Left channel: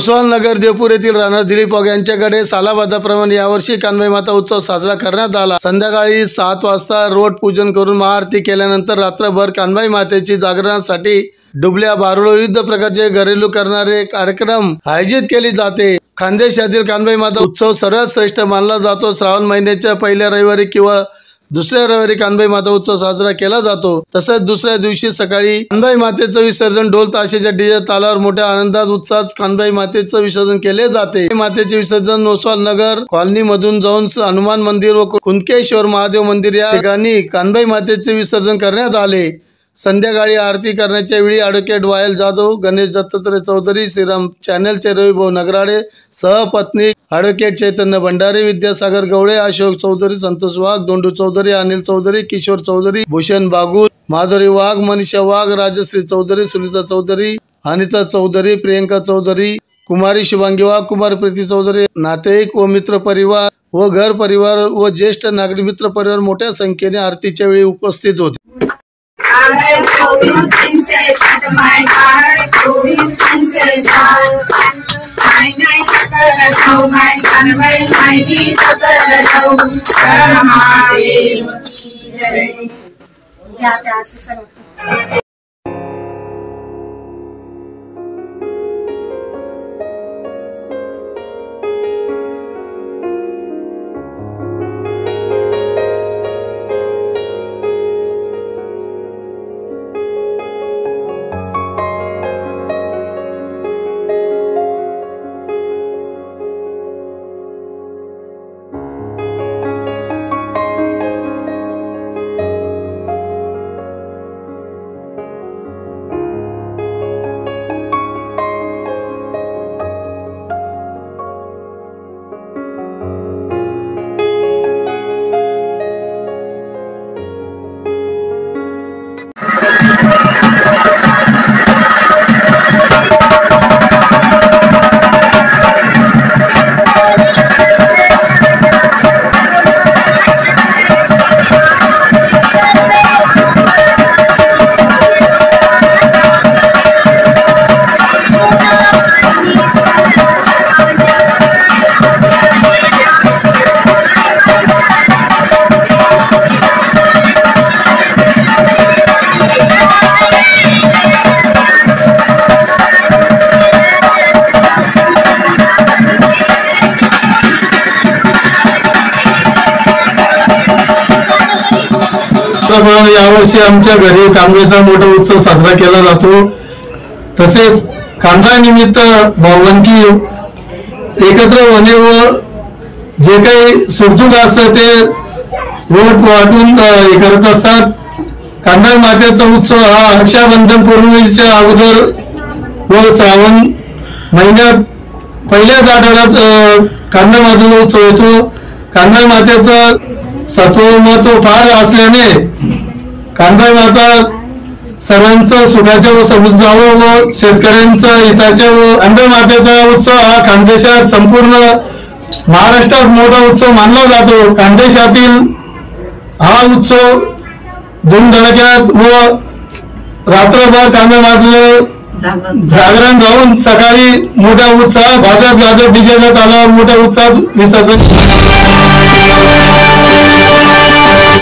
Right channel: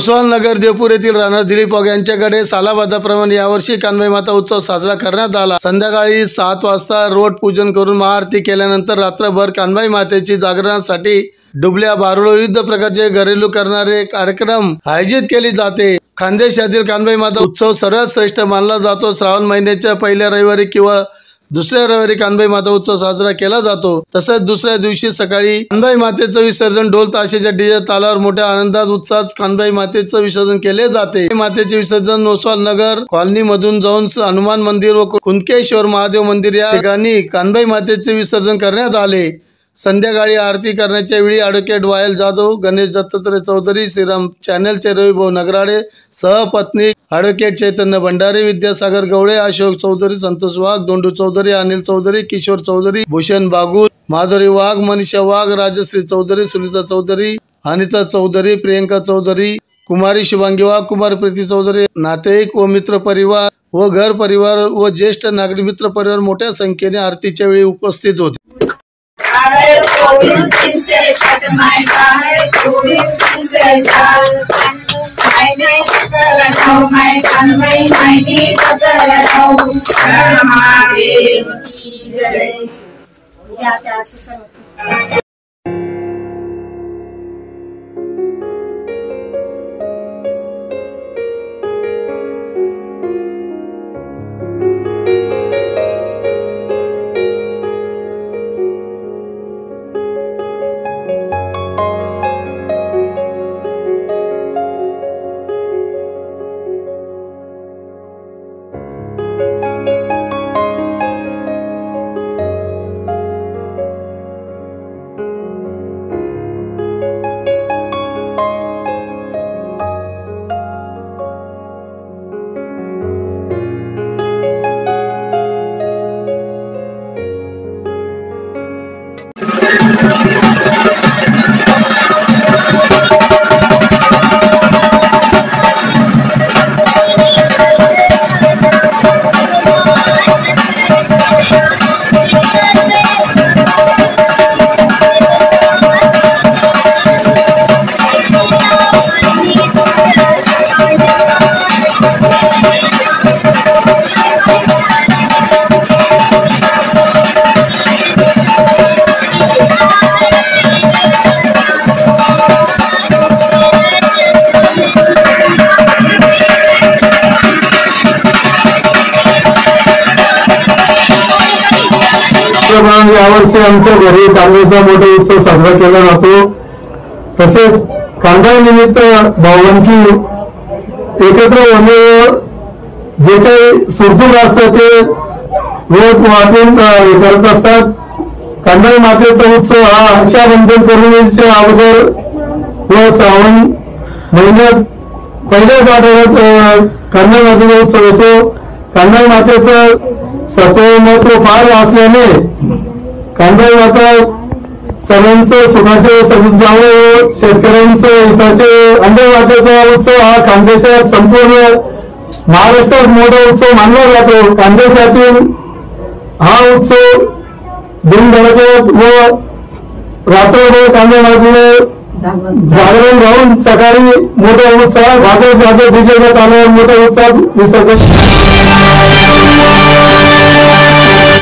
नोसवाल नगर देवपूर येथील राहणार दिलीप वाघ यांच्याकडे सालाबादाप्रमाणे यावर्षी कानबाई माता उत्सव साजरा करण्यात आला। संध्याकाळी 7 वाजता रोड पूजन करून महाआरती केल्यानंतर रात्रभर कानबाई मातेची जागरणासाठी डुबल्या बारुळ विविध प्रकारचे घरेलू करणारे कार्यक्रम आयोजित केले जाते। खानदेशातील कानबाई माता उत्सव सर्वात श्रेष्ठ मानला जातो। श्रावण महिन्याच्या पहिल्या रविवारी किंवा दुसऱ्या रविवारी कानबाई माता उत्सव साजरा केला जातो। तसेच दुसऱ्या दिवशी सकाळी कानबाई मातेचं विसर्जन ढोल ताशेच्या डीजे तालावर मोठ्या आनंदात उत्साहात कानबाई मातेचं विसर्जन केले जाते। मातेचे विसर्जन नोसवाल नगर कॉलनी मधून जाऊन हनुमान मंदिर व कुंदकेश्वर महादेव मंदिर या ठिकाणी कानबाई मातेचे विसर्जन करण्यात आले। संध्याकाळी आरती करण्याच्या वेळी ॲडव्होकेट वायल जाधव, गणेश दत्तात्रय चौधरी, श्रीराम चॅनलचे रविभाऊ नगराडे, सहपत्नी ॲडव्होकेट चैतन्य भंडारी, विद्यासागर गवळे, अशोक चौधरी, संतोष वाघ, दोंडू चौधरी, अनिल चौधरी, किशोर चौधरी, भूषण बागुल, माधुरी वाघ, मनीषा वाघ, राजश्री चौधरी, सुनीता चौधरी, अनिता चौधरी, प्रियंका चौधरी, कुमारी शुभांगी वाघ, कुमार प्रीती चौधरी, नातेवाईक व मित्र परिवार व घर परिवार व ज्येष्ठ नागरिक मित्र परिवार मोठ्या संख्येने आरतीच्या वेळी उपस्थित होते। यावर्षी आमच्या घरी कानबाईचा मोठा उत्सव साजरा केला जातो। तसेच कानबाई निमित्त भावंकी एकत्र होणे व जे काही सुखदुःख असतं ते रोप वाटून करत असतात। कानबाई मातेचा उत्सव हा रक्षाबंधन पौर्णिमेच्या अगोदर व श्रावण महिन्यात पहिल्याच आठवड्यात कानबाई मातेचा उत्सव होतो। कानबाई मातेचं सत्व महत्व फार असल्याने कानबाई माता सर्वांचं सुखाचे व समृद्ध जावं व शेतकऱ्यांचं हिताचे कानबाई मातेचा उत्सव हा खानदेशात संपूर्ण महाराष्ट्रात मोठा उत्सव मानला जातो। खानदेशातील हा उत्सव धूमधडाक्यात व रात्रभर कानबाई मातेचे जागरण राहून सकाळी मोठा उत्साह भाजप डीजे तालावर मोठा उत्साह विसर्जन